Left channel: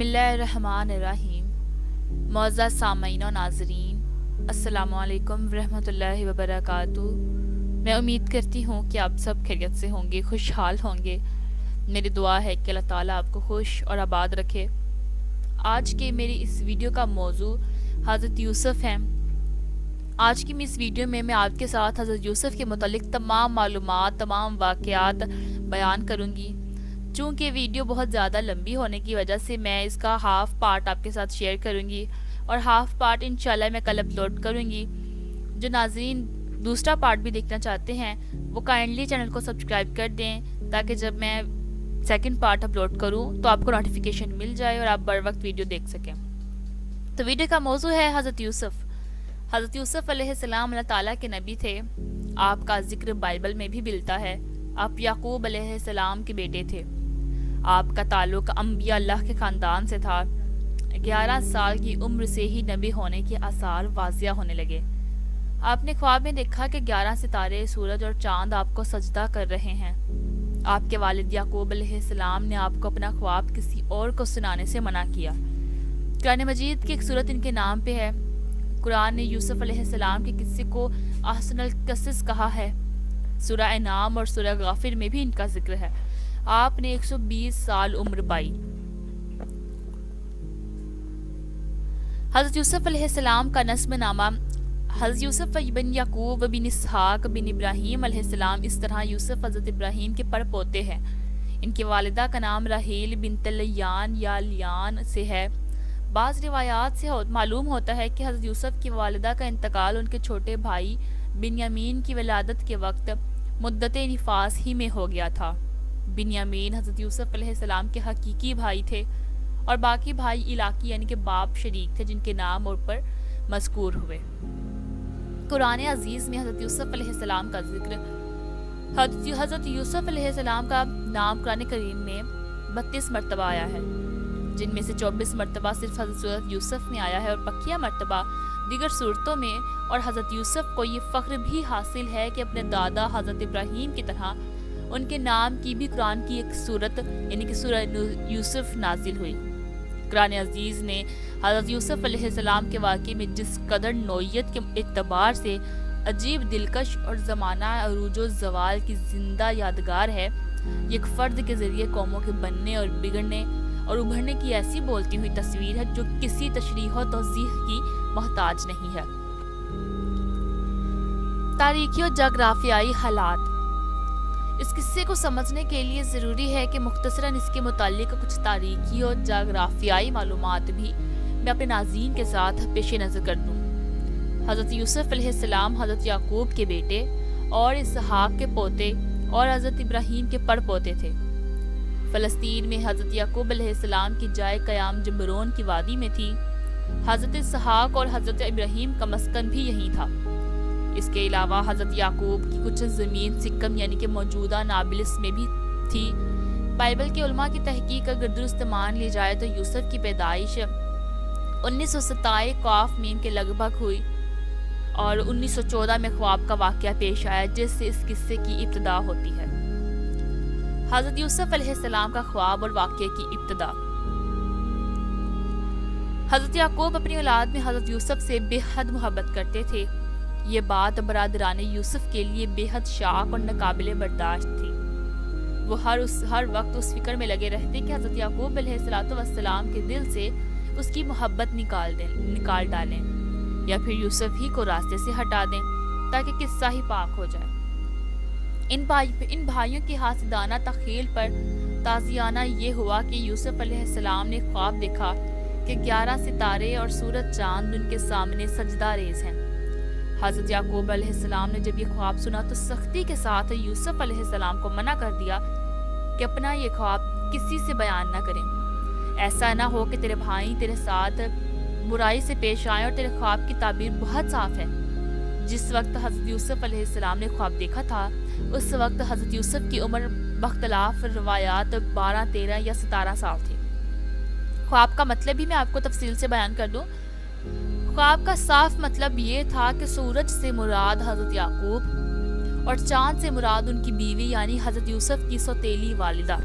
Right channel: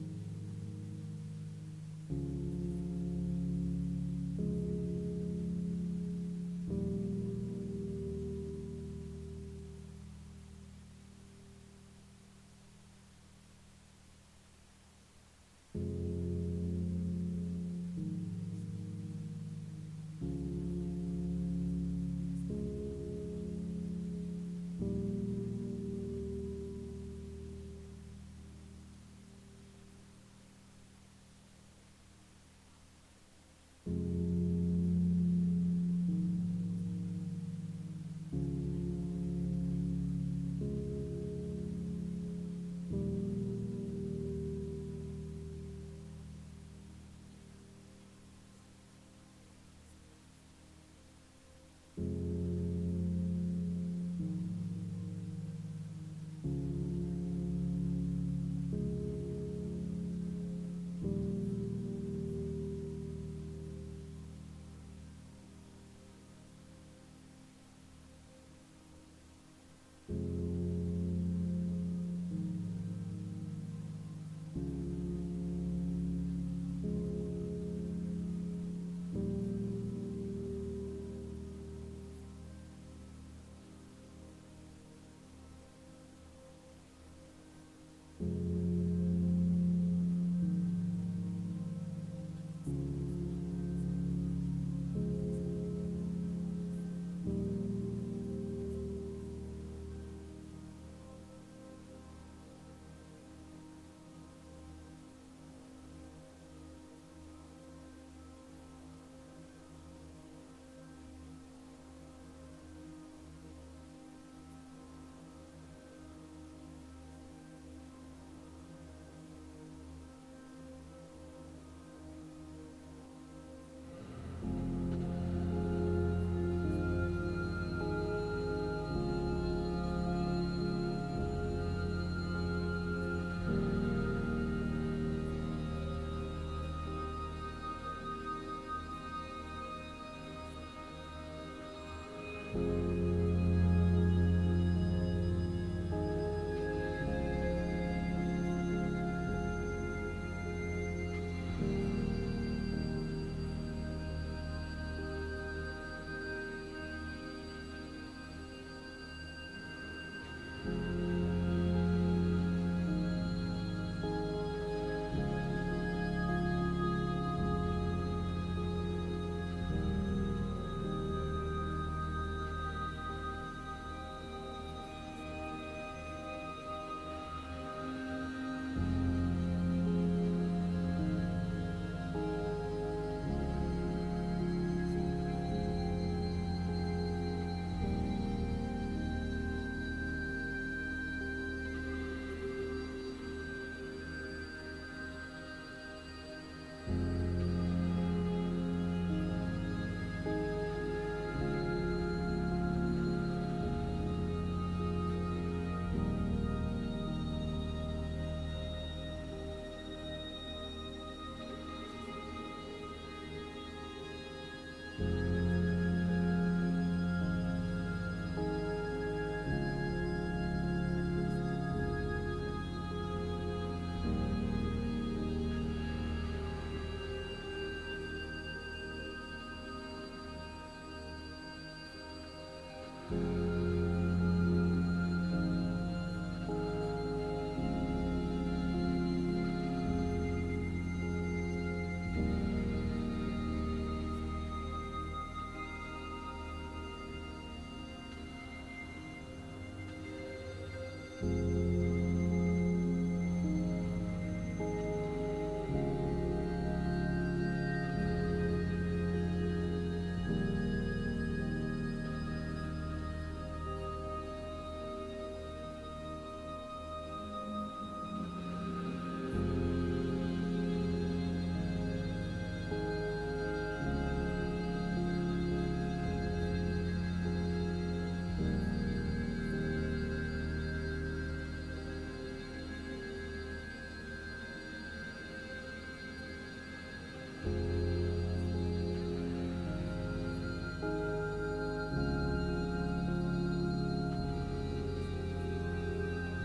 بسم اللہ الرحمن الرحیم۔ معزز سامعین و ناظرین، السلام علیکم ورحمۃ اللہ وبرکاتہ۔ میں امید کرتی ہوں کہ آپ سب خیریت سے ہوں گے، خوشحال ہوں گے۔ میری دعا ہے کہ اللہ تعالیٰ آپ کو خوش اور آباد رکھے۔ آج کے میری اس ویڈیو کا موضوع حضرت یوسف ہے۔ آج کی اس ویڈیو میں آپ کے ساتھ حضرت یوسف کے متعلق تمام معلومات، تمام واقعات بیان کروں گی۔ چونکہ ویڈیو بہت زیادہ لمبی ہونے کی وجہ سے میں اس کا ہاف پارٹ آپ کے ساتھ شیئر کروں گی، اور ہاف پارٹ انشاءاللہ میں کل اپلوڈ کروں گی۔ جو ناظرین دوسرا پارٹ بھی دیکھنا چاہتے ہیں وہ کائنڈلی چینل کو سبسکرائب کر دیں، تاکہ جب میں سیکنڈ پارٹ اپلوڈ کروں تو آپ کو نوٹیفیکیشن مل جائے اور آپ بر وقت ویڈیو دیکھ سکیں۔ تو ویڈیو کا موضوع ہے حضرت یوسف۔ حضرت یوسف علیہ السلام اللہ تعالیٰ کے نبی تھے۔ آپ کا ذکر بائبل میں بھی ملتا ہے۔ آپ یعقوب علیہ السلام کے بیٹے تھے۔ آپ کا تعلق انبیاء اللہ کے خاندان سے تھا۔ 11 سال کی عمر سے ہی نبی ہونے کے آثار واضح ہونے لگے۔ آپ نے خواب میں دیکھا کہ 11 ستارے، سورج اور چاند آپ کو سجدہ کر رہے ہیں۔ آپ کے والد یعقوب علیہ السلام نے آپ کو اپنا خواب کسی اور کو سنانے سے منع کیا۔ قرآن مجید کی ایک سورت ان کے نام پہ ہے۔ قرآن نے یوسف علیہ السلام کے قصے کو احسن القصص کہا ہے۔ سورہ انعام اور سورہ غافر میں بھی ان کا ذکر ہے۔ آپ نے 120 سال عمر پائی۔ حضرت یوسف علیہ السلام کا نسب نامہ حضرت یوسف بن یعقوب بن اسحاق بن ابراہیم علیہ السلام، اس طرح یوسف حضرت ابراہیم کے پر پوتے ہیں۔ ان کی والدہ کا نام راحیل بنت لیان یا لیان سے ہے۔ بعض روایات سے معلوم ہوتا ہے کہ حضرت یوسف کی والدہ کا انتقال ان کے چھوٹے بھائی بنیامین کی ولادت کے وقت مدت نفاس ہی میں ہو گیا تھا۔ بنیامین حضرت یوسف علیہ السلام کے حقیقی بھائی تھے، اور باقی بھائی علاقی یعنی کہ باپ شریک تھے، جن کے نام اور پر مذکور ہوئے۔ قرآن عزیز میں حضرت یوسف علیہ السلام کا ذکر حضرت یوسف علیہ السلام کا نام قرآن کریم میں 32 مرتبہ آیا ہے، جن میں سے 24 مرتبہ صرف حضرت یوسف میں آیا ہے، اور بقیہ مرتبہ دیگر صورتوں میں۔ اور حضرت یوسف کو یہ فخر بھی حاصل ہے کہ اپنے دادا حضرت ابراہیم کی طرح ان کے نام کی بھی قرآن کی ایک صورت یعنی کہ سورہ یوسف نازل ہوئی۔ قرآن عزیز نے حضرت یوسف علیہ السلام کے واقعے میں جس قدر نوعیت کے اعتبار سے عجیب، دلکش اور زمانہ عروج و زوال کی زندہ یادگار ہے، ایک فرد کے ذریعے قوموں کے بننے اور بگڑنے اور ابھرنے کی ایسی بولتی ہوئی تصویر ہے جو کسی تشریح و توضیح کی محتاج نہیں ہے۔ تاریخی اور جغرافیائی حالات۔ اس قصے کو سمجھنے کے لیے ضروری ہے کہ مختصراً اس کے متعلق کچھ تاریخی اور جغرافیائی معلومات بھی میں اپنے ناظرین کے ساتھ پیش نظر کر دوں۔ حضرت یوسف علیہ السلام حضرت یعقوب کے بیٹے اور اسحاق کے پوتے اور حضرت ابراہیم کے پڑ پوتے تھے۔ فلسطین میں حضرت یعقوب علیہ السلام کی جائے قیام جمرون کی وادی میں تھی۔ حضرت اسحاق اور حضرت ابراہیم کا مسکن بھی یہیں تھا۔ اس کے علاوہ حضرت یعقوب کی کچھ زمین سکم یعنی کہ موجودہ نابلس میں بھی تھی۔ بائبل کے علماء کی تحقیق اگر درست مان لی جائے تو یوسف کی پیدائش 1927 قاف میم کے لگ بھگ ہوئی، اور 1914 میں خواب کا واقعہ پیش آیا جس سے اس قصے کی ابتدا ہوتی ہے۔ حضرت یوسف علیہ السلام کا خواب اور واقعے کی ابتدا۔ حضرت یعقوب اپنی اولاد میں حضرت یوسف سے بے حد محبت کرتے تھے۔ یہ بات برادران یوسف کے لیے بے حد شاق اور ناقابل برداشت تھی۔ وہ ہر وقت اس فکر میں لگے رہتے کہ حضرت یعقوب علیہ السلام کے دل سے اس کی محبت نکال ڈالیں، یا پھر یوسف ہی کو راستے سے ہٹا دیں تاکہ قصہ ہی پاک ہو جائے۔ ان بھائیوں کی حاسدانہ تخیل پر تازیانہ یہ ہوا کہ یوسف علیہ السلام نے خواب دیکھا کہ 11 ستارے اور سورج چاند ان کے سامنے سجدہ ریز ہیں۔ حضرت یعقوب علیہ السلام نے جب یہ خواب سنا تو سختی کے ساتھ یوسف علیہ السلام کو منع کر دیا کہ اپنا یہ خواب کسی سے بیان نہ کریں۔ ایسا نہ ہو کہ تیرے بھائی تیرے ساتھ برائی سے پیش آئیں، اور تیرے خواب کی تعبیر بہت صاف ہے۔ جس وقت حضرت یوسف علیہ السلام نے خواب دیکھا تھا اس وقت حضرت یوسف کی عمر باختلاف روایات 12، 13 یا 17 سال تھی۔ خواب کا مطلب بھی میں آپ کو تفصیل سے بیان کر دوں۔ خواب کا صاف مطلب یہ تھا کہ سورج سے مراد حضرت یعقوب اور چاند سے مراد ان کی بیوی یعنی حضرت یوسف کی سوتیلی والدہ،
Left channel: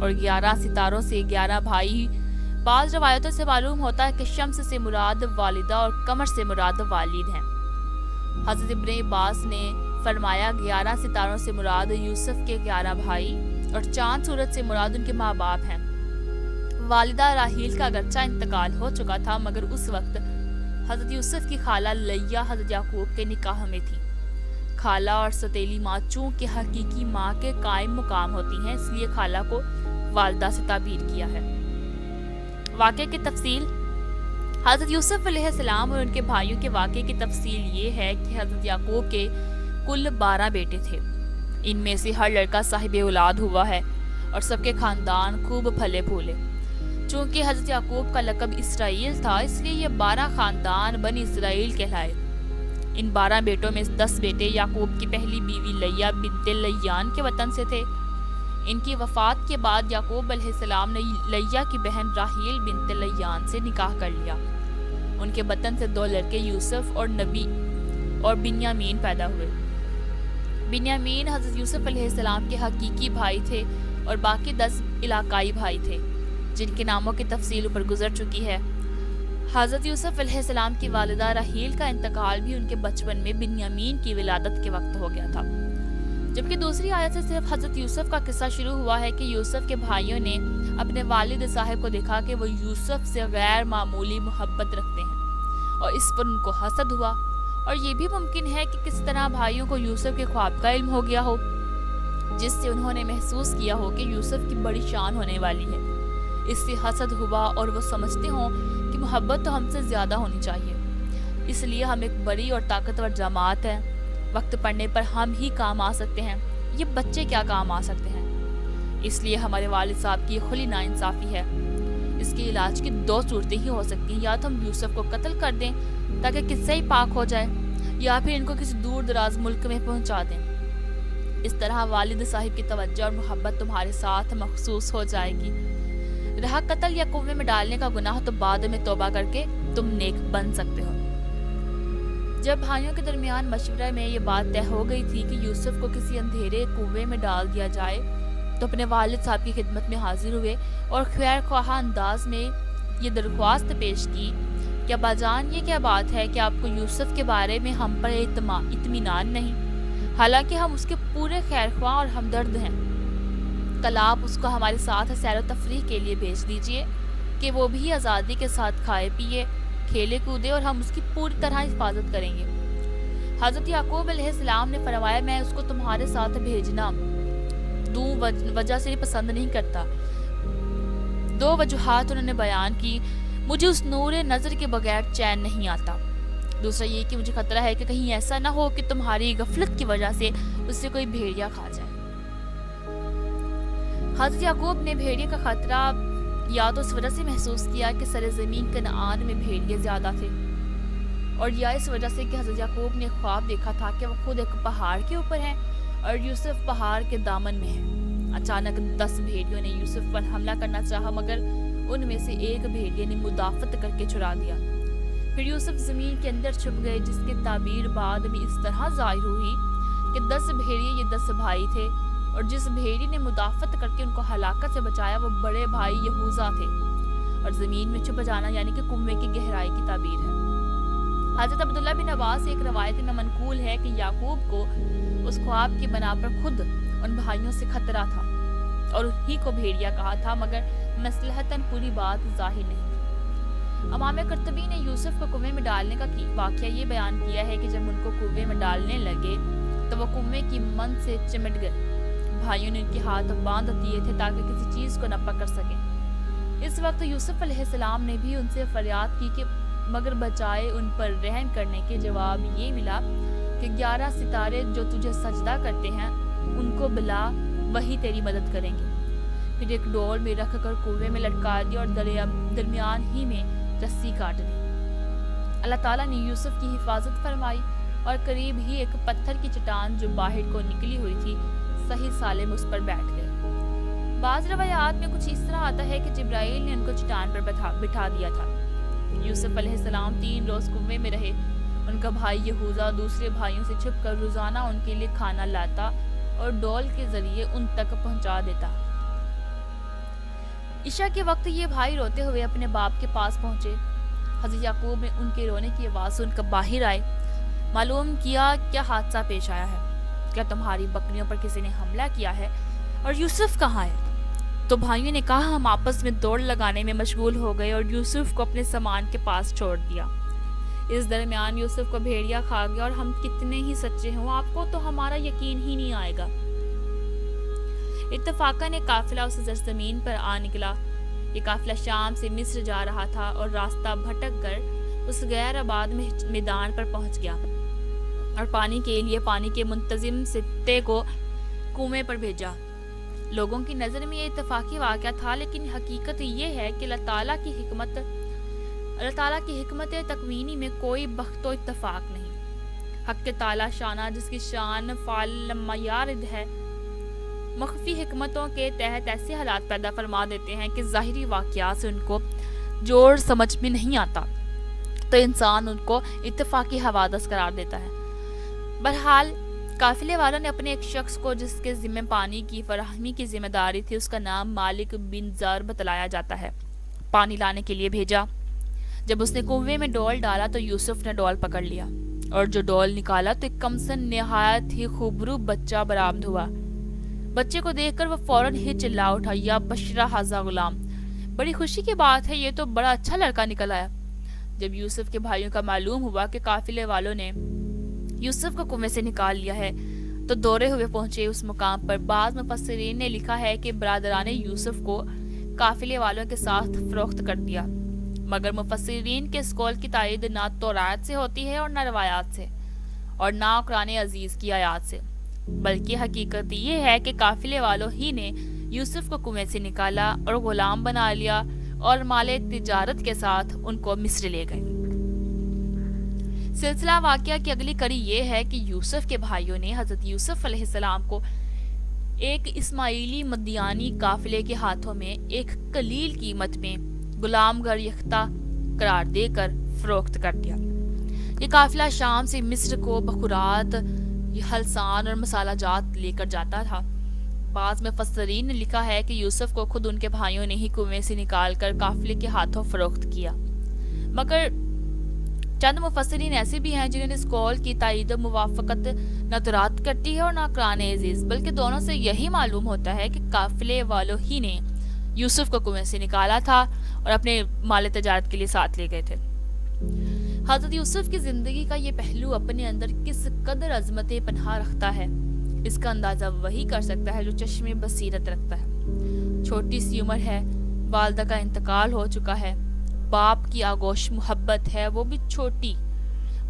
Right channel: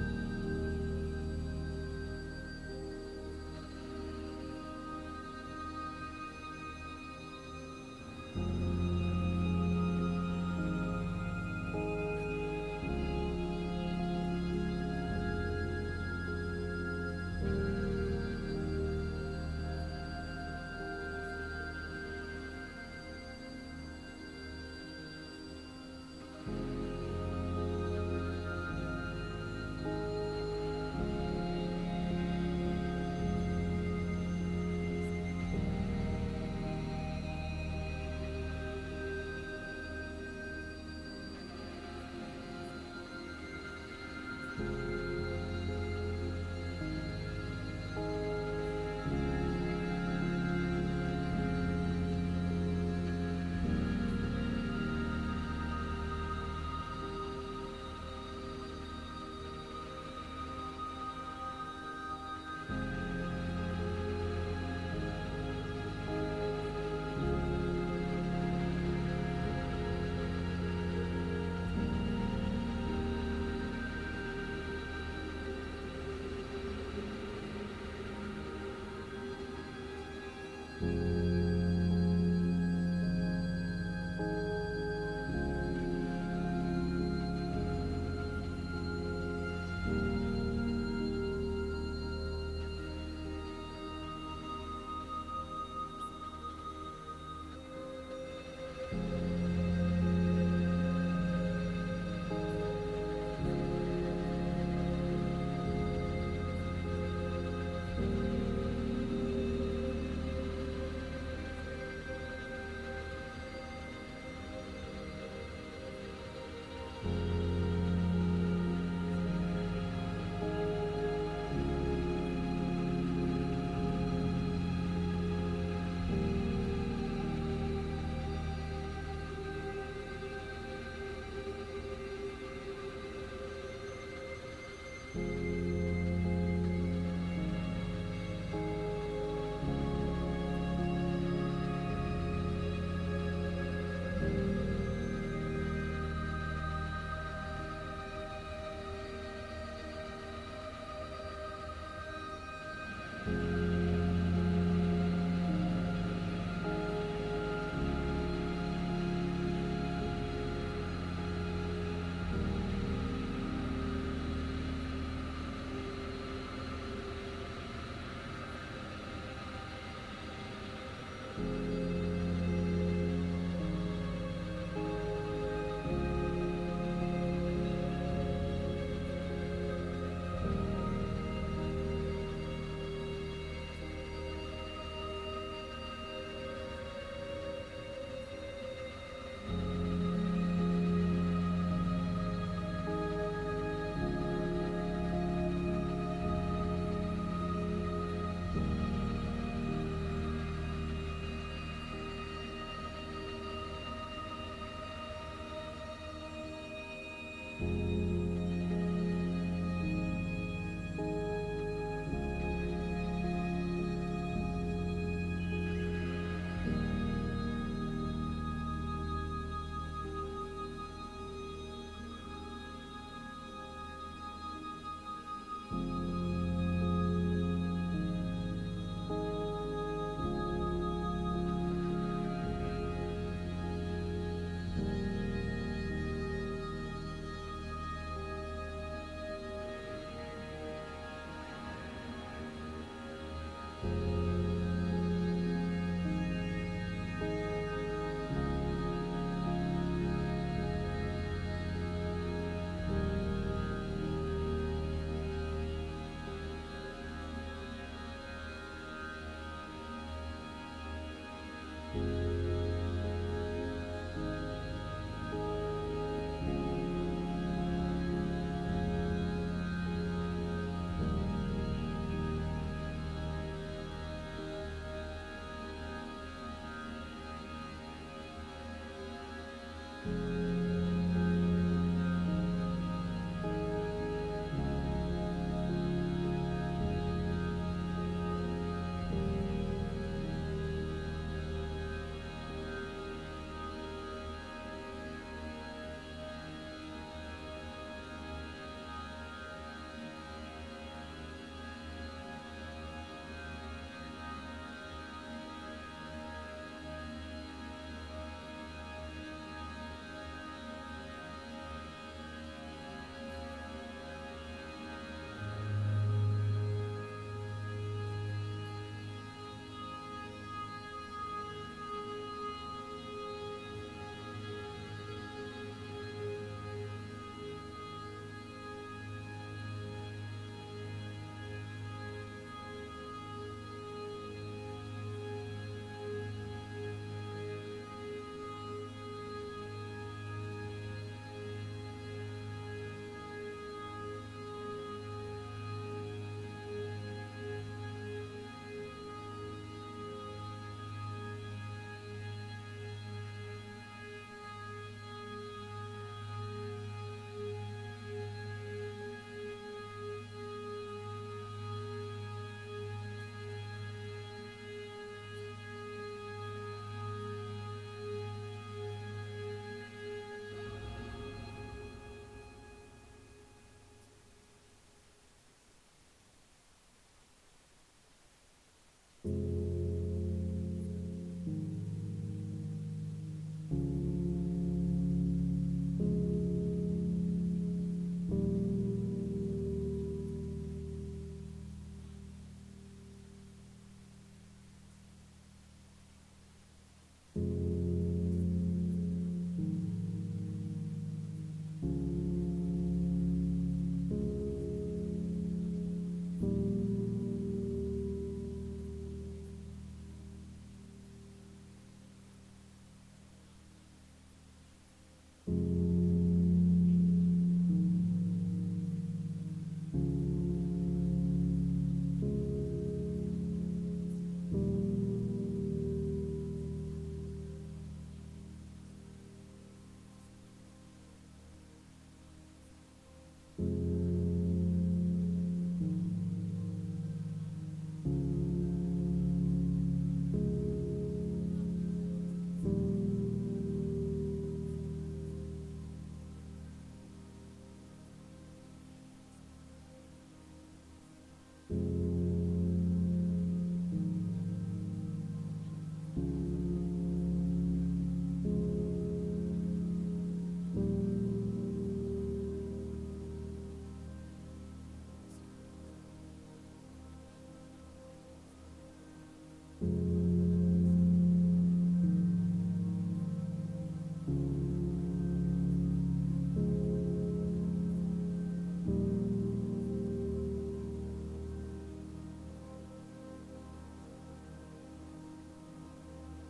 اور 11 ستاروں سے 11 بھائی بعض روایتوں سے معلوم ہوتا ہے کہ شمس سے مراد والدہ اور قمر سے مراد والد ہیں۔ حضرت ابن عباس نے فرمایا 11 ستاروں سے مراد یوسف کے 11 بھائی اور چاند سورج سے مراد ان کے ماں باپ ہیں۔ والدہ راحیل کا اگرچہ انتقال ہو چکا تھا مگر اس وقت حضرت یوسف کی خالہ لیہ حضرت یعقوب کے نکاح میں تھی۔ خالہ اور ستیلی ماں چونکہ حقیقی ماں کے قائم مقام ہوتی ہیں، اس لیے خالہ کو والدہ سے تعبیر کیا ہے۔ واقعے کی تفصیل: حضرت یوسف علیہ السلام اور ان کے بھائیوں کے واقعے کی تفصیل یہ ہے کہ حضرت یعقوب کے کل 12 بیٹے تھے۔ ان میں سے ہر لڑکا صاحب اولاد ہوا ہے اور سب کے خاندان خوب پھلے پھولے۔ چونکہ حضرت یعقوب کا لقب اسرائیل تھا، اس لیے یہ 12 خاندان بنی اسرائیل کہلائے۔ ان 12 بیٹوں میں 10 بیٹے یعقوب کی پہلی بیوی لیہ بنت لیان کے وطن سے تھے۔ ان کی وفات کے بعد یعقوب علیہ السلام نے لیہ کی بہن راحیل بنت لیان سے نکاح کر لیا۔ ان کے وطن سے 2 لڑکے یوسف اور نبی اور بنیامین پیدا ہوئے۔ بنیامین حضرت یوسف علیہ السلام کے حقیقی بھائی تھے اور باقی 10 علاقائی بھائی تھے جن کے ناموں کی تفصیل اوپر گزر چکی ہے۔ حضرت یوسف علیہ السلام کی والدہ راحیل کا انتقال بھی ان کے بچپن میں بنیامین کی ولادت کے وقت ہو گیا تھا، جبکہ دوسری آیت سے صرف حضرت یوسف کا قصہ شروع ہوا ہے کہ یوسف کے بھائیوں نے اپنے والد صاحب کو دیکھا کہ وہ یوسف سے غیر معمولی محبت رکھتے ہیں اور اس پر ان کو حسد ہوا، اور یہ بھی ممکن ہے کہ کس طرح بھائیوں کو یوسف کے خواب کا علم ہو گیا ہو جس سے انہوں نے محسوس کیا ہو کہ یوسف کی بڑی شان ہونے والی ہے۔ اس سے حسد ہوا اور وہ سمجھتے ہوں کہ محبت تو ہم سے زیادہ ہونی چاہیے، اس لیے ہم ایک بڑی اور طاقتور جماعت ہے، وقت پڑنے پر ہم ہی کام آ سکتے ہیں، یہ بچے کیا کام آ سکتے ہیں۔ اس لیے ہمارے والد صاحب کی کھلی ناانصافی ہے۔ اس کے علاج کی 2 صورتیں ہی ہو سکتی ہیں، یا تو ہم یوسف کو قتل کر دیں تاکہ قصہ ہی پاک ہو جائے، یا پھر ان کو کسی دور دراز ملک میں پہنچا دیں۔ اس طرح والد صاحب کی توجہ اور محبت تمہارے ساتھ مخصوص ہو جائے گی۔ رہا قتل یا کنویں میں ڈالنے کا گناہ تو بعد میں توبہ کر کے تم نیک بن سکتے ہو۔ جب بھائیوں کے درمیان مشورہ میں یہ بات طے ہو گئی تھی کہ یوسف کو کسی اندھیرے کنویں میں ڈال دیا جائے تو اپنے والد صاحب کی خدمت میں حاضر ہوئے اور خیر خواہ انداز میں یہ درخواست پیش کی کہ ابا جان، یہ کیا بات ہے کہ آپ کو یوسف کے بارے میں ہم پر اطمینان نہیں، حالانکہ ہم اس کے پورے خیر خواہ اور ہمدرد ہیں۔ کل آپ اس کو ہمارے ساتھ سیر و تفریح کے لیے بھیج دیجئے کہ وہ بھی آزادی کے ساتھ کھائے پیے کھیلے کودے اور ہم اس کی پوری طرح حفاظت کریں گے۔ حضرت یعقوب علیہ السلام نے فرمایا میں اس کو تمہارے ساتھ بھیجنا 2 وجہ سے پسند نہیں کرتا۔ 2 وجوہات انہوں نے بیان کی: مجھے اس نور نظر کے بغیر چین نہیں آتا، دوسرا یہ کہ مجھے خطرہ ہے کہ کہیں ایسا نہ ہو کہ تمہاری غفلت کی وجہ سے اس سے کوئی بھیڑیا کھا جائے۔ حضرت یعقوب نے بھیڑیے کا خطرہ یا تو اس وجہ سے محسوس کیا کہ سرزمین کنعان میں بھیڑیے زیادہ تھے، اور یا اس وجہ سے کہ حضرت یعقوب نے خواب دیکھا تھا کہ وہ خود ایک پہاڑ کے اوپر ہیں اور یوسف پہاڑ کے دامن میں ہے۔ اچانک 10 بھیڑیوں نے یوسف پر حملہ کرنا چاہا مگر ان میں سے ایک بھیڑیے نے مدافعت کر کے چھڑا دیا۔ پھر یوسف زمین کے اندر چھپ گئے، جس کی تعبیر بعد میں اس طرح ظاہر ہوئی کہ 10 بھیڑیے یہ 10 بھائی تھے، اور جس بھیڑی نے مدافعت کر کے ان کو ہلاکت سے بچایا وہ بڑے بھائی یہوذا تھے، اور زمین میں چھپ جانا یعنی کہ کنویں کی گہرائی کی تعبیر ہے۔ حضرت عبداللہ بن عباس ایک روایت میں منقول ہے کہ یعقوب کو اس خواب کی بنا پر خود ان بھائیوں سے خطرہ تھا اور انہی کو بھیڑیا کہا تھا، مگر مصلحتاً پوری بات ظاہر نہیں تھی۔ امام قرطبی نے یوسف کو کنویں میں ڈالنے کا واقعہ یہ بیان کیا ہے کہ جب ان کو کنویں میں ڈالنے لگے تو وہ کنویں کی مند سے چمٹ گئے۔ بھائیوں نے ان کے ہاتھ باندھ دیے تھے تاکہ کسی چیز کو نہ پکڑ سکے۔ اس وقت یوسف علیہ السلام نے بھی ان سے فریاد کی کہ مگر بجائے ان پر رحم کرنے کے جواب یہ ملا کہ 11 ستارے جو تجھے سجدہ کرتے ہیں ان کو بلا، وہی تیری مدد کریں گے۔ پھر ایک ڈور میں رکھ کر کنویں میں لٹکا دیا اور درمیان ہی میں رسی کاٹ دی۔ اللہ تعالیٰ نے یوسف کی حفاظت فرمائی اور قریب ہی ایک پتھر کی چٹان جو باہر کو نکلی ہوئی تھی صحیح سالم اس پر بیٹھ گئے۔ بعض روایات میں کچھ اس طرح آتا ہے کہ جبرائیل نے ان کو چٹان پر بٹھا دیا تھا۔ یوسف علیہ السلام 3 روز کنویں میں رہے۔ ان کا بھائی یہوذا دوسرے بھائیوں سے چھپ کر روزانہ ان کے لیے کھانا لاتا اور ڈول کے ذریعے ان تک پہنچا دیتا۔ عشاء کے وقت یہ بھائی روتے ہوئے اپنے باپ کے پاس پہنچے۔ حضرت یعقوب نے ان کے رونے کی آواز سن کر باہر آئے۔ معلوم کیا کیا حادثہ پیش آیا ہے، کیا تمہاری بکریوں پر کسی نے حملہ کیا ہے، اور یوسف کہاں ہے؟ تو بھائیوں نے کہا ہم آپس میں دوڑ لگانے میں مشغول ہو گئے اور یوسف کو اپنے سامان کے پاس چھوڑ دیا۔ اس درمیان یوسف کو بھیڑیا کھا گیا، اور ہم کتنے ہی سچے ہوں آپ کو تو ہمارا یقین ہی نہیں آئے گا۔ اتفاقاً ایک قافلہ اس سرزمین پر آ نکلا۔ یہ قافلہ شام سے مصر جا رہا تھا اور راستہ بھٹک کر اس غیر آباد میدان پر پہنچ گیا اور پانی کے لیے پانی کے منتظم ستے کو کنویں پر بھیجا۔ لوگوں کی نظر میں یہ اتفاقی واقعہ تھا، لیکن حقیقت یہ ہے کہ اللہ تعالیٰ کی حکمت تکوینی میں کوئی بخت و اتفاق نہیں۔ حق تعالیٰ شانہ جس کی شان فعل لما یارد ہے، مخفی حکمتوں کے تحت ایسے حالات پیدا فرما دیتے ہیں کہ ظاہری واقعات سے ان کو جوڑ سمجھ میں نہیں آتا، تو انسان ان کو اتفاقی حوادث قرار دیتا ہے۔ بہرحال قافلے والوں نے اپنے ایک شخص کو جس کے ذمہ پانی کی فراہمی کی ذمہ داری تھی، اس کا نام مالک بن زر بتلایا جاتا ہے، پانی لانے کے لیے بھیجا۔ جب اس نے کنویں میں ڈول ڈالا تو یوسف نے ڈول پکڑ لیا، اور جو ڈول نکالا تو ایک کمسن نہایت ہی خوبرو بچہ برآمد ہوا۔ بچے کو دیکھ کر وہ فوراً ہی چلا اٹھا، یا بشرا ھذا غلام، بڑی خوشی کی بات ہے، یہ تو بڑا اچھا لڑکا نکل آیا۔ جب یوسف کے بھائیوں کا معلوم ہوا کہ قافلے والوں نے یوسف کو کنویں سے نکال لیا ہے تو دورے ہوئے پہنچے اس مقام پر۔ بعض مفسرین نے لکھا ہے کہ برادران یوسف کو قافلے والوں کے ساتھ فروخت کر دیا، مگر مفسرین کے اس قول کی تائید نہ تورات سے ہوتی ہے اور نہ روایات سے، اور نہ قرآن عزیز کی آیات سے، بلکہ حقیقت یہ ہے کہ قافلے والوں ہی نے یوسف کو کنویں سے نکالا اور غلام بنا لیا اور مال تجارت کے ساتھ ان کو مصر لے گئے۔ سلسلہ واقعہ کی اگلی کڑی یہ ہے کہ یوسف کے بھائیوں نے حضرت یوسف علیہ السلام کو ایک اسماعیلی مدیانی قافلے کے ہاتھوں میں ایک قلیل قیمت میں غلام گر یختہ قرار دے کر فروخت کر دیا۔ یہ قافلہ شام سے مصر کو بخورات، ہلسان اور مسالہ جات لے کر جاتا تھا۔ بعض مفسرین نے لکھا ہے کہ یوسف کو خود ان کے بھائیوں نے ہی کنویں سے نکال کر قافلے کے ہاتھوں فروخت کیا، مگر چند مفسرین ایسے بھی ہیں جنہوں نے اس قول کی تائید و موافقت نہ تورات کرتی ہے اور نہ قرآن عزیز، بلکہ دونوں سے یہی معلوم ہوتا ہے کہ قافلے والوں ہی نے یوسف کو کنویں سے نکالا تھا اور اپنے مال تجارت کے لیے ساتھ لے گئے تھے۔ حضرت یوسف کی زندگی کا یہ پہلو اپنے اندر کس قدر عظمت پنہا رکھتا ہے، اس کا اندازہ وہی کر سکتا ہے جو چشم بصیرت رکھتا ہے۔ چھوٹی سی عمر ہے، والدہ کا انتقال ہو چکا ہے، باپ کی آغوش محبت ہے وہ بھی چھوٹی،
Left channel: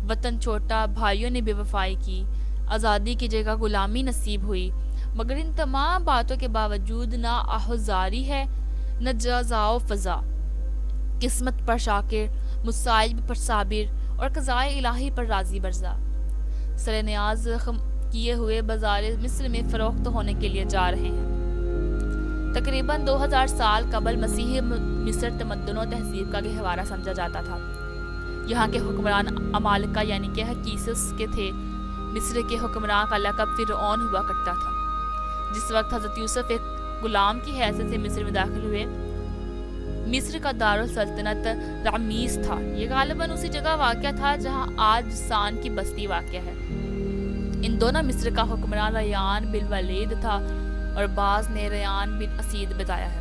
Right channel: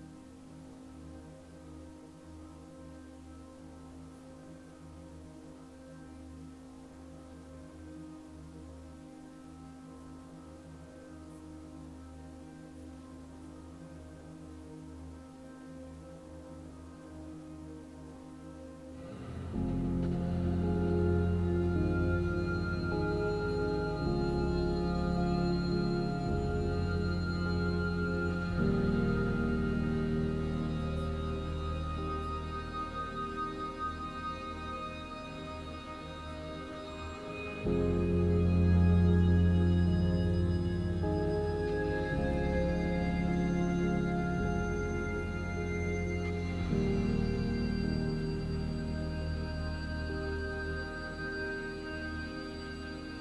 وطن چھوٹا، بھائیوں نے بے وفائی کی، آزادی کی جگہ غلامی نصیب ہوئی، مگر ان تمام باتوں کے باوجود نہ آہوزاری ہے نہ جزا و فضا، قسمت پر شاکر، مصائب پر صابر اور قضائے الہی پر راضی برضا۔ سر نیاز کیے ہوئے بازار مصر میں فروخت ہونے کے لیے جا رہے ہیں۔ تقریباً 2000 سال قبل مسیح مصر تمدن و تہذیب کا گہوارہ سمجھا جاتا تھا۔ یہاں کے حکمران عمالقہ یعنی کہ حکیسس کے تھے۔ مصر کے حکمران کا لقب فرعون ہوا کرتا تھا۔ جس وقت حضرت یوسف ایک غلام کی حیثیت سے مصر میں داخل ہوئے، مصر کا دارالسلطنت رامسیس تھا۔ یہ غالباً اسی جگہ واقع تھا جہاں آج سان کی بستی واقع ہے۔ ان دونوں مصر کا حکمران ریان بن ولید تھا اور بعض نے ریان بن اسید بتایا ہے۔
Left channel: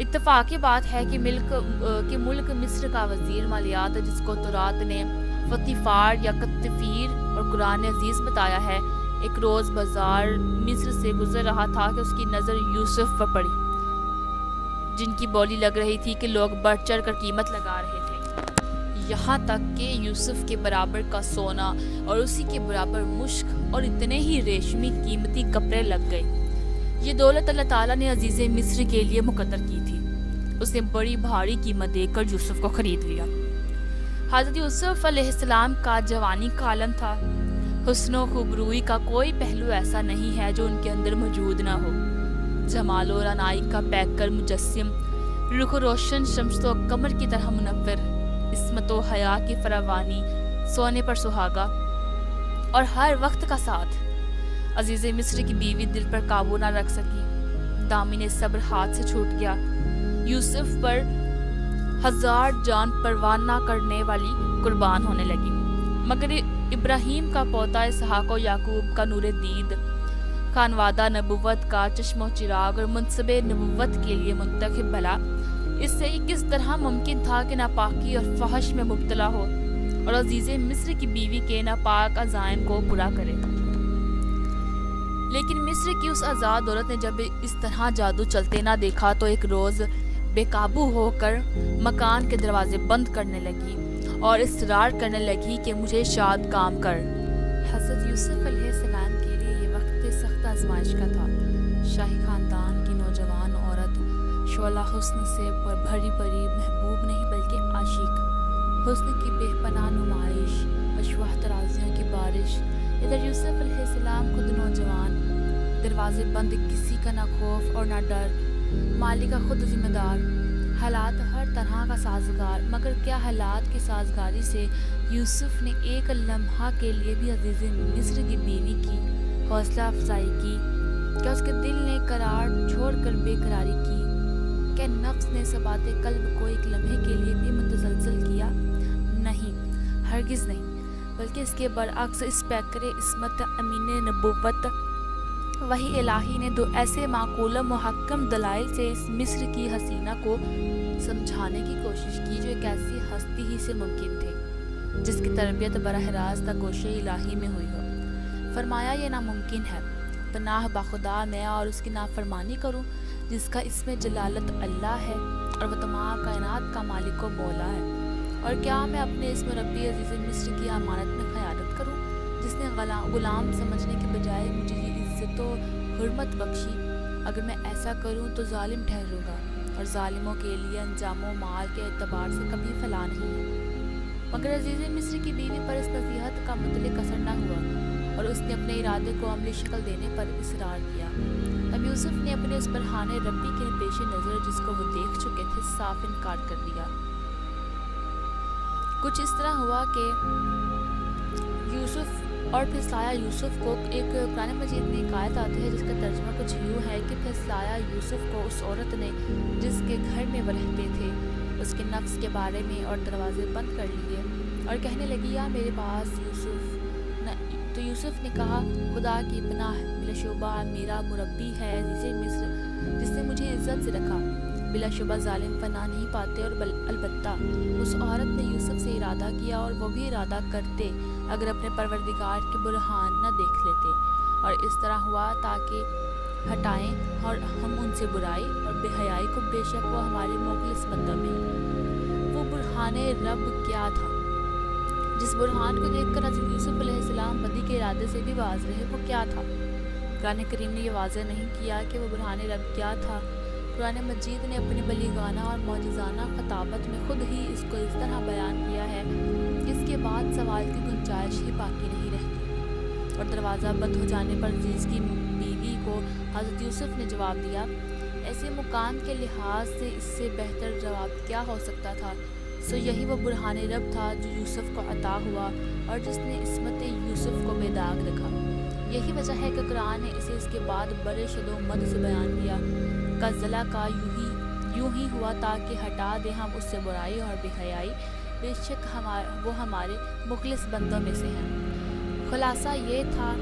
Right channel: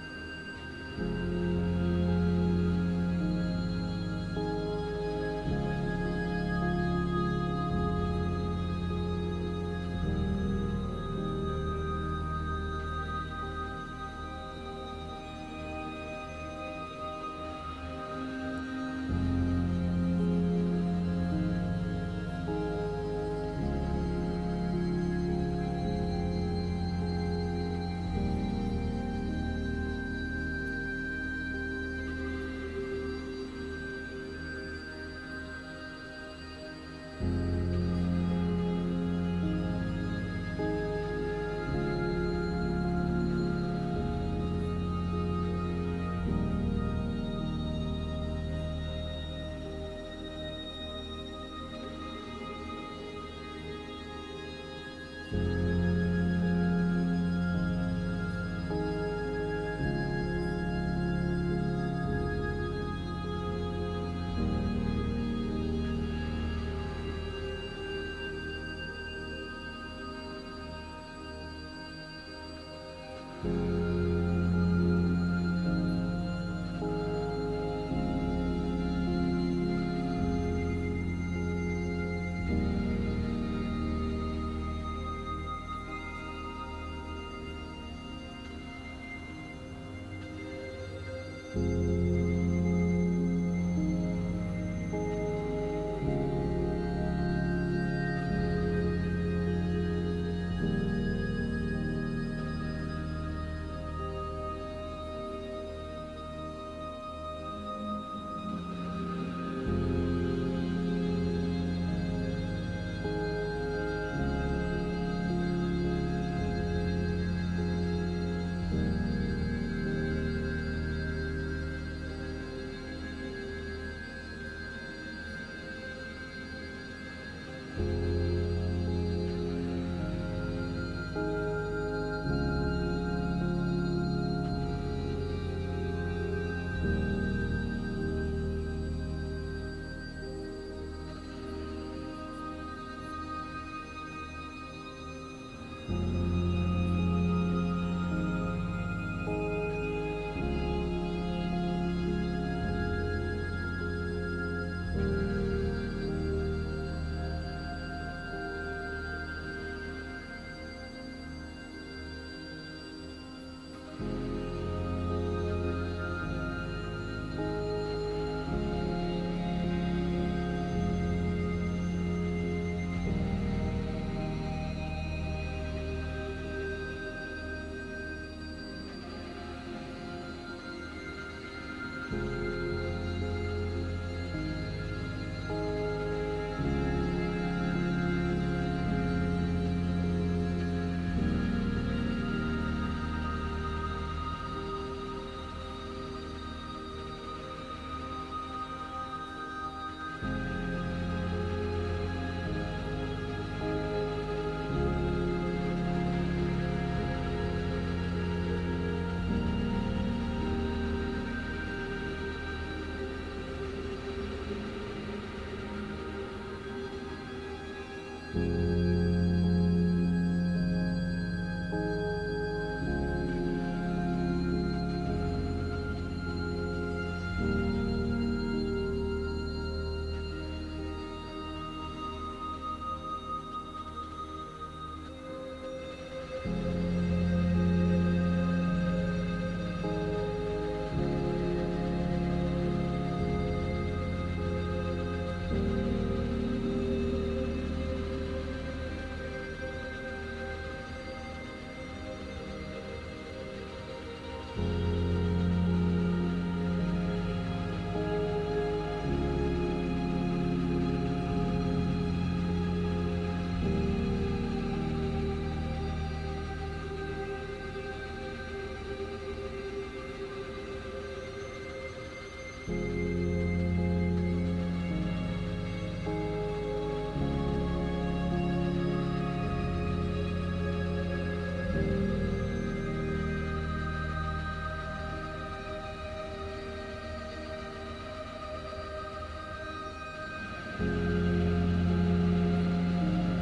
اتفاقی بات ہے کہ ملک مصر کا وزیر مالیات جس کو تورات نے فطیفار یا قطفیر اور قرآن عزیز بتایا ہے، ایک روز بازار مصر سے گزر رہا تھا کہ اس کی نظر یوسف پر پڑی، جن کی بولی لگ رہی تھی کہ لوگ بڑھ چڑھ کر قیمت لگا رہے تھے، یہاں تک کہ یوسف کے برابر کا سونا اور اسی کے برابر مشک اور اتنے ہی ریشمی قیمتی کپڑے لگ گئے۔ یہ دولت اللہ تعالیٰ نے عزیز مصر کے لیے مقرر کی تھی۔ اس نے بڑی بھاری قیمت دے کر یوسف کو خرید لیا۔ حضرت یوسف علیہ السلام کا جوانی کا عالم تھا۔ حسن و خوبروئی کا کوئی پہلو ایسا نہیں ہے جو ان کے اندر موجود نہ ہو۔ جمال و رعنائی کا پیکر مجسم، رخ روشن شمس و قمر کی طرح منور، عصمت و حیا کی فراوانی، سونے پر سہاگا اور ہر وقت کا ساتھ۔ عزیز مصر کی بیوی دل پر قابو نہ رکھ سکی، دامن صبر ہاتھ سے چھوٹ گیا۔ یوسف پر 1000 جان پرواہ نہ کرنے والی قربان ہونے لگی، مگر ابراہیم کا پوتا اسحاق و یعقوب کا نور دید، خانوادہ نبوت کا چشم و چراغ اور منصب نبوت کے لیے منتخب بھلا، اس سے کس طرح ممکن تھا کہ ناپاکی اور فحش میں مبتلا ہو اور عزیز مصر کی بیوی کے ناپاک عزائم کو پورا کرے؟ لیکن مصر کی اس آزاد عورت نے جب اس طرح جادو چلتے نہ دیکھا تو ایک روز بے قابو ہو کر مکان کے دروازے بند کرنے لگی اور اصرار کرنے لگی کہ مجھے شاد کام کر۔ حضرت یوسف علیہ السلام کے لیے یہ وقت سخت آزمائش کا تھا۔ شاہی خاندان کی نوجوان عورت، شعلہ حسن سے بھری بھری، محبوب نہیں بلکہ عاشق، حسن کی بے پناہ نمائش، مشوہ ترازیوں کی بارش۔ ادھر یوسف علیہ السلام خود نوجوان، دروازے بند، کسی کا نہ خوف اور نہ ڈر، مالک کا خود ذمہ دار، حالات ہر طرح کا سازگار۔ مگر کیا حالات کی سازگاری سے یوسف نے ایک لمحہ کے لیے بھی عزیز مصر کی بیوی کی حوصلہ افزائی کی؟ کیا اس کے دل نے قرار چھوڑ کر بے قراری کی؟ کیا نفس نے ثبات قلب کو ایک لمحے کے لیے بھی متزلزل کیا؟ نہیں، ہرگز نہیں، بلکہ اس کے برعکس اس پیکر عصمت، امین نبوت، وحی الہی نے دو ایسے معقول و محکم دلائل سے اس مصر کی حسینہ کو سمجھانے کی کوشش کی جو ایک ایسی ہستی ہی سے ممکن تھی جس کی تربیت براہ راست گوشِ الہی میں ہوئی ہو۔ فرمایا یہ ناممکن ہے، پناہ بخدا میں اور اس کی نافرمانی کروں جس کا اسم جلالت اللہ ہے اور وہ تمام کائنات کا مالک و مولا ہے؟ اور کیا میں اپنے اسم ربی عزیز مصر کی امانت میں خیانت کروں جس نے غلام سمجھنے کے بجائے مجھے عزت و حرمت بخشی؟ اگر میں ایسا کروں تو ظالم ٹھہروں گا اور ظالموں کے لیے انجام و مال کے اعتبار سے کبھی فلاح نہیں ہے۔ مگر عزیز مصر کی بیوی پر اس نصیحت کا مطلق اثر نہ ہوا اور اس نے اپنے ارادے کو عملی شکل دینے پر اصرار کیا۔ اب یوسف نے اپنے اس برہان ربی کے پیش نظر جس کو وہ دیکھ چکے تھے صاف انکار کر دیا۔ کچھ اس طرح ہوا کہ یوسف اور پھسلایا یوسف کو، ایک قرآن مجید میں ایک آیت آتی ہے جس کا ترجمہ کچھ یوں ہے کہ پھسلایا یوسف کو اس عورت نے جس کے گھر میں وہ رہتے تھے اس کے نفس کے بارے میں، اور دروازے بند کر لیے اور کہنے لگی یا میرے پاس یوسف۔ تو یوسف نے کہا خدا کی پناہ، بلا شبہ میرا مربی ہے عزیز مصر جس نے مجھے عزت سے رکھا، بلا شبہ ظالم پناہ نہیں پاتے۔ اور البتہ اس عورت نے یوسف سے ارادہ کیا اور وہ بھی ارادہ کرتے اگر اپنے پروردگار کے برہان نہ دیکھ لیتے، اور اس طرح ہوا تاکہ ہٹائیں اور ہم ان سے برائی اور بے حیائی کو، بے شک وہ ہمارے مخلص بندوں میں ہے۔ وہ برہان رب کیا تھا جس برہان کو دیکھ کر حضرت یوسف علیہ السلام بدی کے ارادے سے بھی باز رہے؟ وہ کیا تھا؟ قرآن کریم نے یہ واضح نہیں کیا کہ وہ برہان رب کیا تھا۔ قرآن مجید نے اپنی بلیغانہ اور معجزانہ خطابت میں خود ہی اس کو اس طرح بیان کیا ہے جس کے بعد سوال کی گنجائش ہی باقی نہیں رہتی۔ اور دروازہ بند ہو جانے پر عزیز کی بیوی کو حضرت یوسف نے جواب دیا۔ ایسے مقام کے لحاظ سے اس سے بہتر جواب کیا ہو سکتا تھا؟ سو یہی وہ برہان رب تھا جو یوسف کو عطا ہوا اور جس نے عصمت یوسف کو بے داغ رکھا۔ یہی وجہ ہے کہ قرآن نے اسے اس کے بعد بڑے شد و مد سے بیان کیا۔ قزلہ کا یوں ہی ہوا تاکہ ہٹا دے ہم اس سے برائی اور بے حیائی، بے شک وہ ہمارے مخلص بندوں میں سے ہے۔ خلاصہ یہ تھا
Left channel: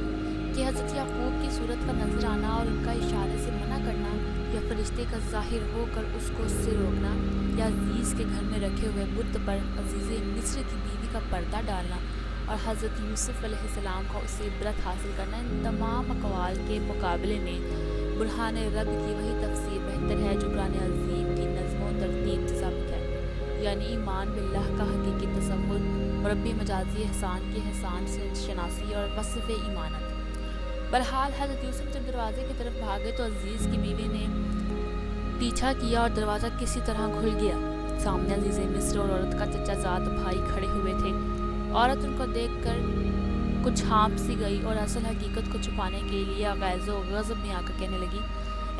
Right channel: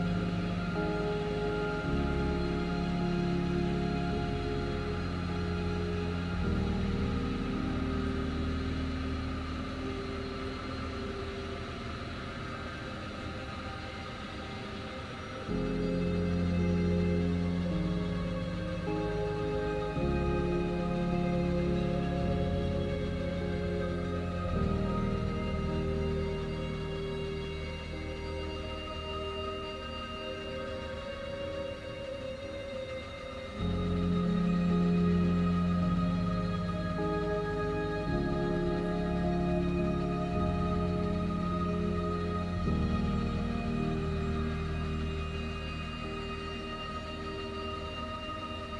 کہ حضرت یعقوب کی صورت کا نظر آنا اور ان کا اشارے سے منع کرنا، یا فرشتے کا ظاہر ہو کر اس کو اس سے روکنا، یا عزیز کے گھر میں رکھے ہوئے بت پر عزیز مصر کی بیوی کا پردہ ڈالنا اور حضرت یوسف علیہ السلام کا اس سے عبرت حاصل کرنا، ان تمام اقوال کے مقابلے میں برہان رب کی وہی تفسیر بہتر ہے جو قرآن عظیم کی نظم و ترتیب سے ثابت ہے، یعنی ایمان باللہ کا حقیقی تصور، مربی مجازی احسان کی احسان سے شناسی اور وصف ایمانت۔ بہرحال حضرت یوسف جب دروازے کی طرف بھاگے تو عزیز کی بیوی نے پیچھا کیا اور دروازہ کسی طرح کھل گیا۔ سامنے عزیز مصر اور عورت کا چچا زاد بھائی کھڑے ہوئے تھے۔ عورت ان کو دیکھ کر کچھ ہانپ سی گئی اور اصل حقیقت کو چھپانے کے لیے غیظ و غضب میں آ کر کہنے لگی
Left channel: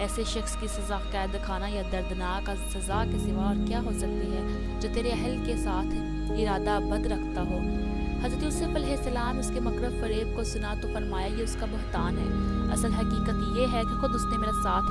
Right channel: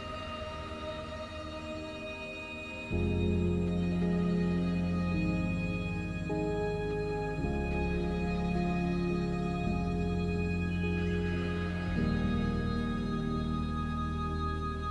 ایسے شخص کی سزا قید خانہ یا دردناک سزا کے سوا اور کیا ہو سکتی ہے جو تیرے اہل کے ساتھ ارادہ بد رکھتا ہو؟ حضرت یوسف علیہ السلام اس کے مکر فریب کو سنا تو فرمایا یہ اس کا بہتان ہے، اصل حقیقت یہ ہے کہ خود اس نے میرا ساتھ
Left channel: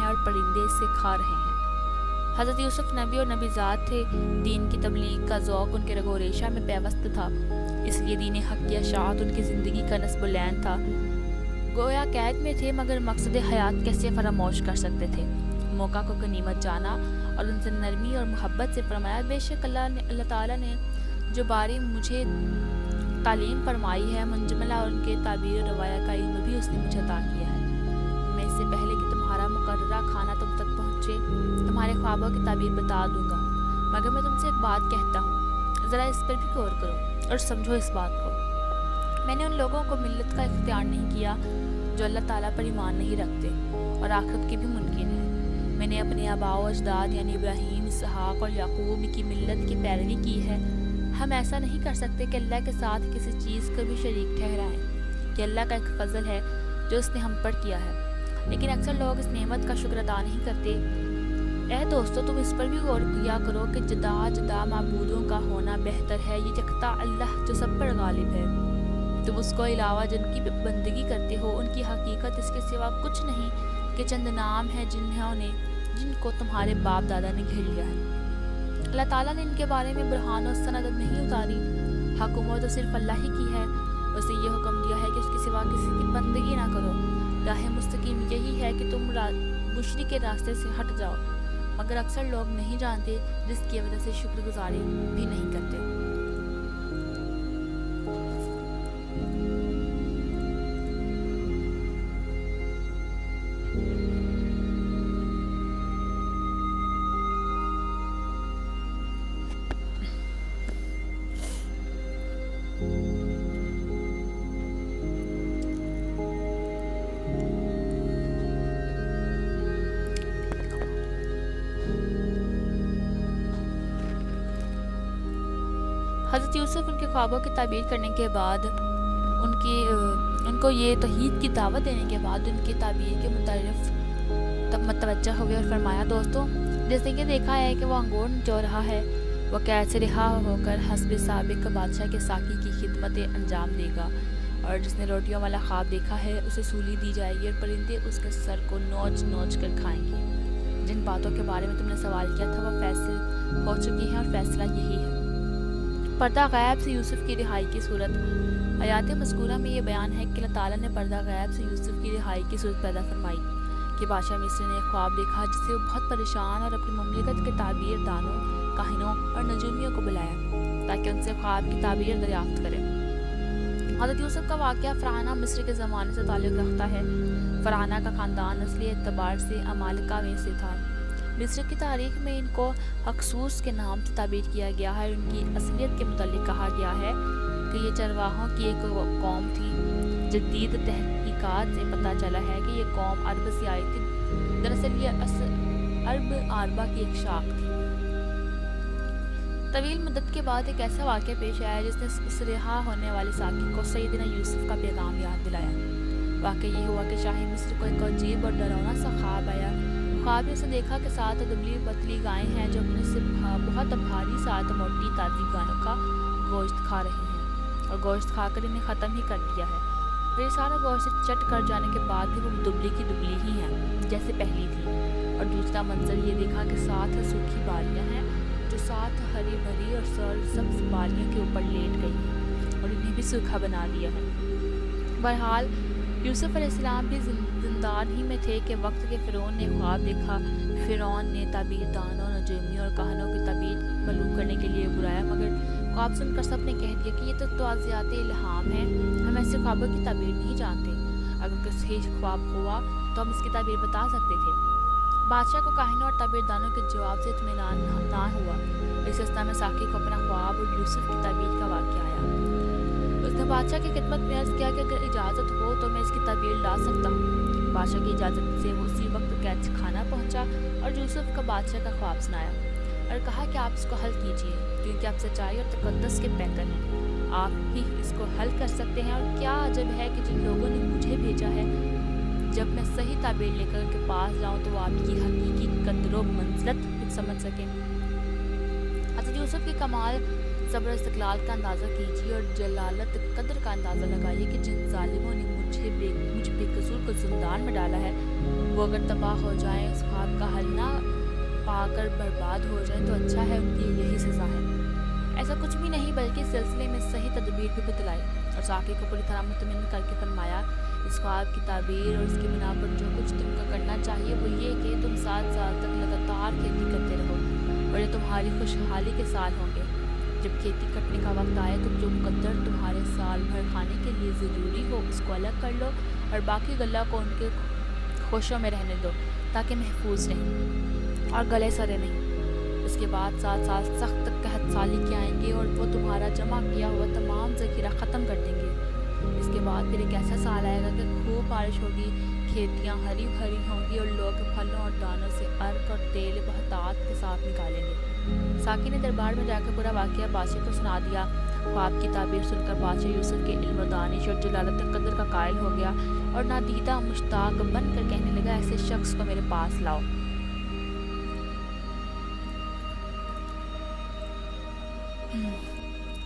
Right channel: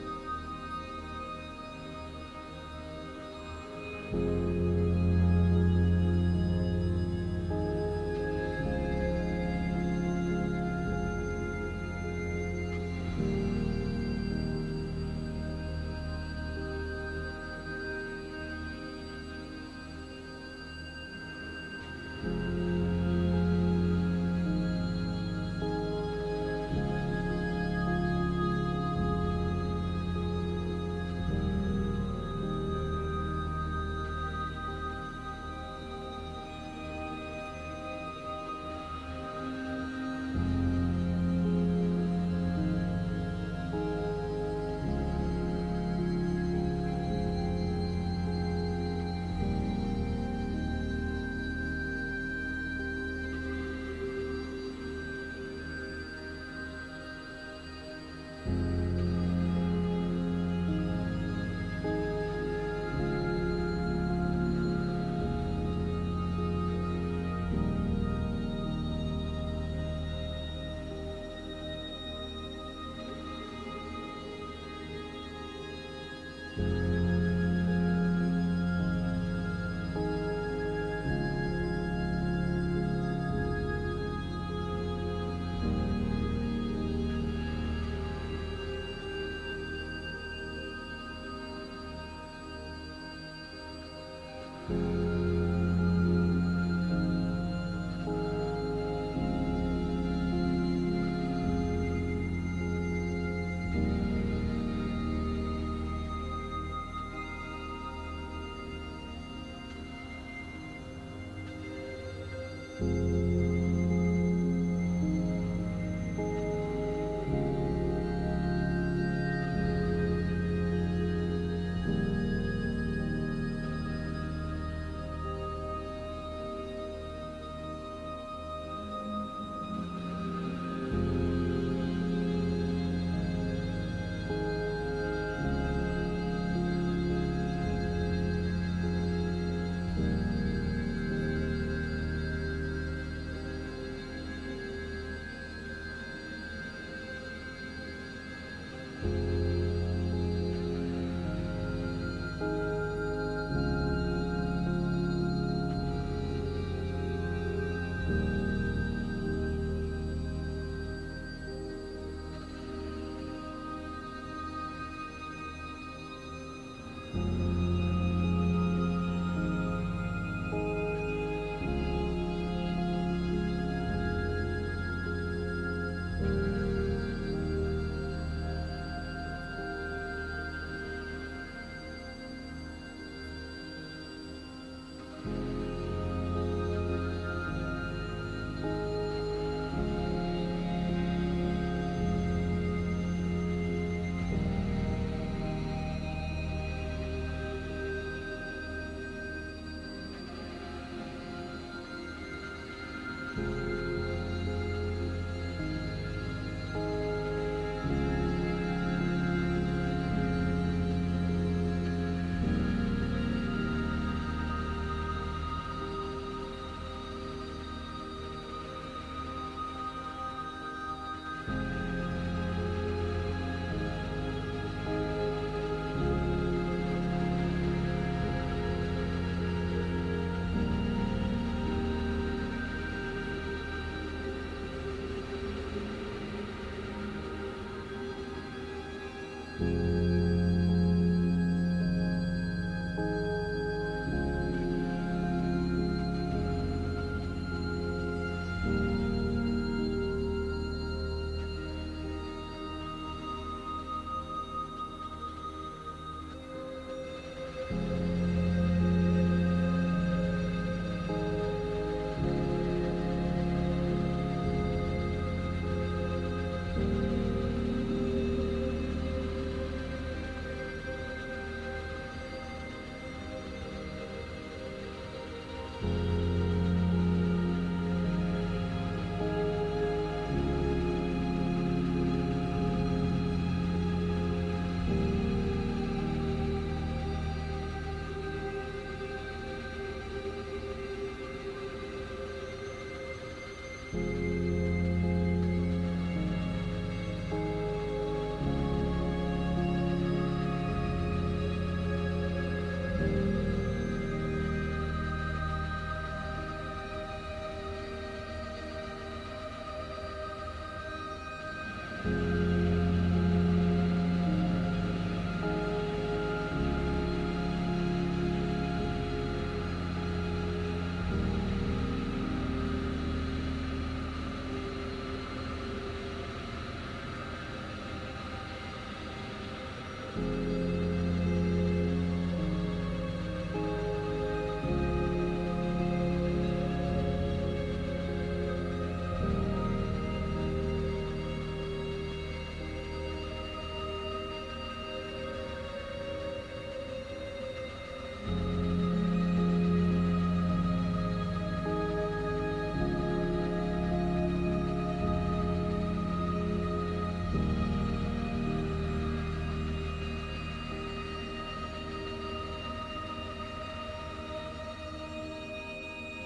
ہے اور پرندے اس سے کھا رہے ہیں۔ حضرت یوسف نبی اور نبی ذات تھے، دین کی تبلیغ کا ذوق ان کے رگ و ریشہ میں پیوست تھا، اس لیے دین حق کی اشاعت ان کی زندگی کا نصب العین تھا۔ گویا قید میں تھے مگر مقصد حیات کیسے فراموش کر سکتے تھے۔ موقع کو غنیمت جانا اور ان سے نرمی اور محبت سے فرمایا بے شک اللہ تعالیٰ نے جو باری مجھے تعلیم فرمائی ہے منجملہ اور ان کے تعبیر و روایہ کا علم بھی اس نے مجھے عطا کیا ہے۔ میں اس سے پہلے کہ تمہارا مقررہ کھانا تم تک پہنچے تمہارے خوابوں کی تعبیر بتا دوں گا، مگر میں تم سے ایک بات کہتا ہوں، ذرا اس پر بھی غور کرو اور سمجھو اس بات کو۔ میں نے ان لوگوں کو ملت کا اختیار نہیں کیا جو اللہ تعالیٰ پر ایمان نہیں رکھتے اور آخرت کے بھی منکر ہیں۔ میں نے اپنے آباء و اجداد یعنی ابراہیم، اسحاق اور یعقوب کی ملت کی پیروی کی ہے۔ ہم ایسا نہیں کر سکتے کہ اللہ کے ساتھ کسی چیز کو بھی شریک ٹھہرائیں، یہ اللہ کا ایک فضل ہے جو اس نے ہم پر کیا ہے، لیکن اکثر لوگ اس نعمت کا شکر ادا نہیں کرتے۔ اے دوستو، تم اس پر بھی غور کیا کرو کہ جدا جدا معبودوں کا ہونا بہتر ہے، یہ یکتا اللہ جو سب پر غالب ہے۔ تم اس کو علاوہ جن کی بندگی کرتے ہو ان کی حقیقت اس کے سوا کچھ نہیں کہ چند نام ہے جن کو تمہارے باپ دادا نے گھیر لیا ہے۔ اللہ تعالیٰ نے ان کے بارے میں برہان و سند نہیں اتاری، حکومت تو صرف اللہ ہی کی ہے۔ اسے یہ حکم دیا ہے کہ اس کے سوا کسی کی بندگی نہ کرو۔ راہ مستقیم یہی ہے کہ تم مشرک کے راستے سے ہٹ جاؤ، مگر اکثر لوگ نہیں جانتے، جس کی وجہ سے شکر گزاری بھی نہیں کرتے۔ حضرت یوسف ان کے خوابوں کی تعبیر کرنے کے بعد ان کو یہ توحید کی دعوت دینے کے بعد ان کی تعبیر کے متعارف متوجہ ہوئے اور فرمایا دوستو، جیسے کہ دیکھا ہے کہ وہ انگور نچو رہا ہے، وہ قید سے رہا ہو کر حسب سابق بادشاہ کے ساقی کی خدمت انجام دے گا، اور جس نے روٹیوں والا خواب دیکھا ہے اسے سولی دی جائے گی اور پرندے اس کے سر کو نوچ نوچ کر کھائیں گے۔ جن باتوں کے بارے میں تم نے سوال کیا تھا وہ فیصل ہو چکی ہے اور فیصلہ یہی ہے۔ پردہ غیب سے یوسف کی رہائی کی صورت۔ آیات مذکورہ میں یہ بیان ہے کہ اللہ تعالیٰ نے پردہ غیب سے یوسف کی رہائی کی صورت پیدا فرمائی کہ بادشاہ مصر نے ایک خواب دیکھا جس سے وہ بہت پریشان اور اپنی مملکت کے تعبیر دانوں، کاہنوں اور نجومیوں کو بلایا تاکہ ان سے خواب کی تعبیر دریافت کرے۔ حضرت یوسف کا واقعہ فرعونہ مصر کے زمانے سے تعلق رکھتا ہے۔ فرعونہ کا خاندان نسلی اعتبار سے امالکہ میں سے تھا۔ مصر کی تاریخ میں ان کو حکسوس کے نام سے تعبیر کیا گیا ہے۔ ان کی اصلیت کے متعلق کہا گیا ہے کہ یہ چرواہوں کی ایک قوم تھی۔ جدید تحقیقات سے پتہ چلا ہے کہ یہ قوم عرب سے آئی تھی، دراصل یہ عرب عربہ کی ایک شاخ تھی۔ طویل مدت کے بعد ایک ایسا واقعہ پیش آیا جس نے اس رہا ہونے والے ساقی کو سیدنا یوسف کا پیغام یاد دلایا۔ واقعہ یہ ہوا کہ شاہ مصر کو ایک عجیب اور ڈراؤنا سا خواب آیا۔ خواب میں اسے دیکھا کہ 7 دبلی پتلی گائیں ہیں جو اپنے سے بہت بھاری 7 موٹی تازی گائوں کا گوشت کھا رہی ہیں، اور گوشت کھا کر انہیں ختم ہی کر دیا ہے۔ پھر سارا گوشت چٹ کر جانے کے بعد بھی وہ دبلی کی دبلی ہی ہیں جیسے پہلی تھی۔ اور دوسرا منظر یہ دیکھا کہ 7 سوکھی بالیاں ہیں جو 7 ہری بھری اور سبز بالیوں کے اوپر لیٹ گئی ہیں اور انہیں بھی سوکھا بنا لیا ہے۔ بہرحال یوسف علیہ السلام بھی زندان ہی میں تھے کہ وقت کے فرعون نے خواب دیکھا۔ فرعون نے تعبیر دانوں، نجومیوں اور کاہنوں کی تعبیر معلوم کرنے کے لیے بلایا، مگر خواب سن کر سب نے کہہ دیا کہ یہ تو توازیات الہام ہیں، ہم ایسے خوابوں کی تعبیر نہیں جانتے۔ اگر کوئی صحیح خواب ہوا تو ہم اس کی تعبیر بتا سکتے تھے۔ بادشاہ کو کاہنوں اور تعبیر دانوں کے جواب سے اطمینان نہ ہوا۔ اس اسنا میں ساقی کو اپنا خواب اور یوسف کی تعبیر کا واقعہ آیا۔ اس نے بادشاہ کی خدمت میں عرض کیا کہ اگر اجازت ہو تو میں اس کی تعبیر لا سکتا ہوں۔ بادشاہ کی اجازت سے اسی وقت قید خانہ پہنچا اور یوسف کا بادشاہ کا خواب سنایا اور کہا کہ آپ اس کو حل کیجیے، کیونکہ آپ سچائی اور تقدس کے پیکر ہیں، آپ بھی اس کو حل کر سکتے ہیں۔ اور کیا عجب ہے کہ جن لوگوں نے مجھے بھیجا ہے، جب میں صحیح تعبیر لے کر ان کے پاس جاؤں تو آپ کی حقیقی قدر و منزلت سمجھ سکیں۔ حضرت یوسف کی کمال صبر و استقلال کا اندازہ کیجیے اور جلالت قدر کا اندازہ لگائیے کہ جن ظالموں نے مجھ بے قصور کو زندان میں ڈالا ہے وہ اگر تباہ ہو جائیں، اس بات کا حل نہ پا کر برباد ہو جائیں تو اچھا ہے، ان کی یہی سزا ہے۔ ایسا کچھ بھی نہیں بلکہ اس سلسلے میں صحیح تدبیر بھی بتلائی اور ذاکر کو پوری طرح مطمئن کر کے فرمایا، اس خواب کی تعبیر اور اس کی بنا پر جو کچھ تم کو کرنا چاہیے وہ یہ کہ تم 7 سال تک لگاتار کھیتی کرتے رہو اور یہ تمہاری خوشحالی کے سال ہوں گے۔ جب کھیتی کٹنے کا وقت آئے تو جو مقدر تمہارے سال بھر کھانے کے لیے ضروری ہو اس کو الگ کر لو اور باقی غلہ کو ان کے خوشوں میں رہنے دو تاکہ محفوظ رہیں اور گلے سڑے نہیں۔ اس کے بعد 7 سال سخت قحط سالی کے آئیں گے اور وہ تمہارا جمع کیا ہوا تمام ذخیرہ ختم کر دیں گے۔ اس کے بعد پھر ایک ایسا سال آئے گا کہ خوب بارش ہوگی، کھیتیاں ہری بھری ہوں گی اور لوگ پھلوں اور دانوں سے عرق اور تیل بہتات کے ساتھ نکالیں گے۔ ساقی نے دربار میں جا کر پورا واقعہ بادشاہ کو سنا دیا۔ خواب کی تعبیر سن کر بادشاہ یوسف کے علم و دانش اور جلالت قدر کا قائل ہو گیا اور نادیدہ مشتاق بن کر کہنے لگا، ایسے شخص کو میرے پاس لاؤ۔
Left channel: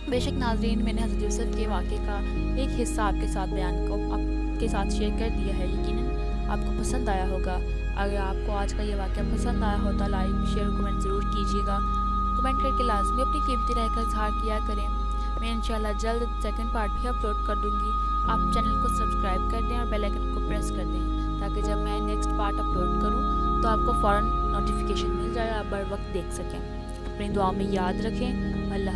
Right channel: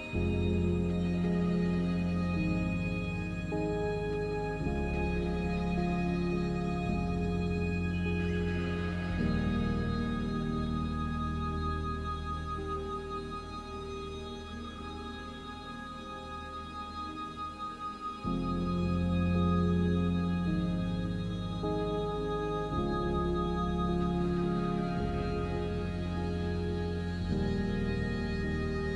بے شک ناظرین، میں نے حضرت یوسف کے واقعے کا ایک حصہ آپ کے ساتھ آپ کے ساتھ شیئر کر دیا ہے، یقیناً آپ کو پسند آیا ہوگا۔ اگر آپ کو آج کا یہ واقعہ پسند آیا ہو تو لائک شیئر کمنٹ ضرور کیجیے گا۔ کمنٹ کر کے لازمی اپنی قیمتی رائے کا اظہار کیا کریں۔ میں انشاءاللہ جلد سیکنڈ پارٹ بھی اپلوڈ کر دوں گی۔ آپ چینل کو سبسکرائب کر دیں اور بیل آئکن کو پریس کر دیں تاکہ جب میں نیکسٹ پارٹ اپلوڈ کروں تو آپ کو فوراً نوٹیفیکیشن مل جائے اور آپ بر وقت دیکھ سکیں۔ اپنی دعا میں یاد رکھیں۔ اللہ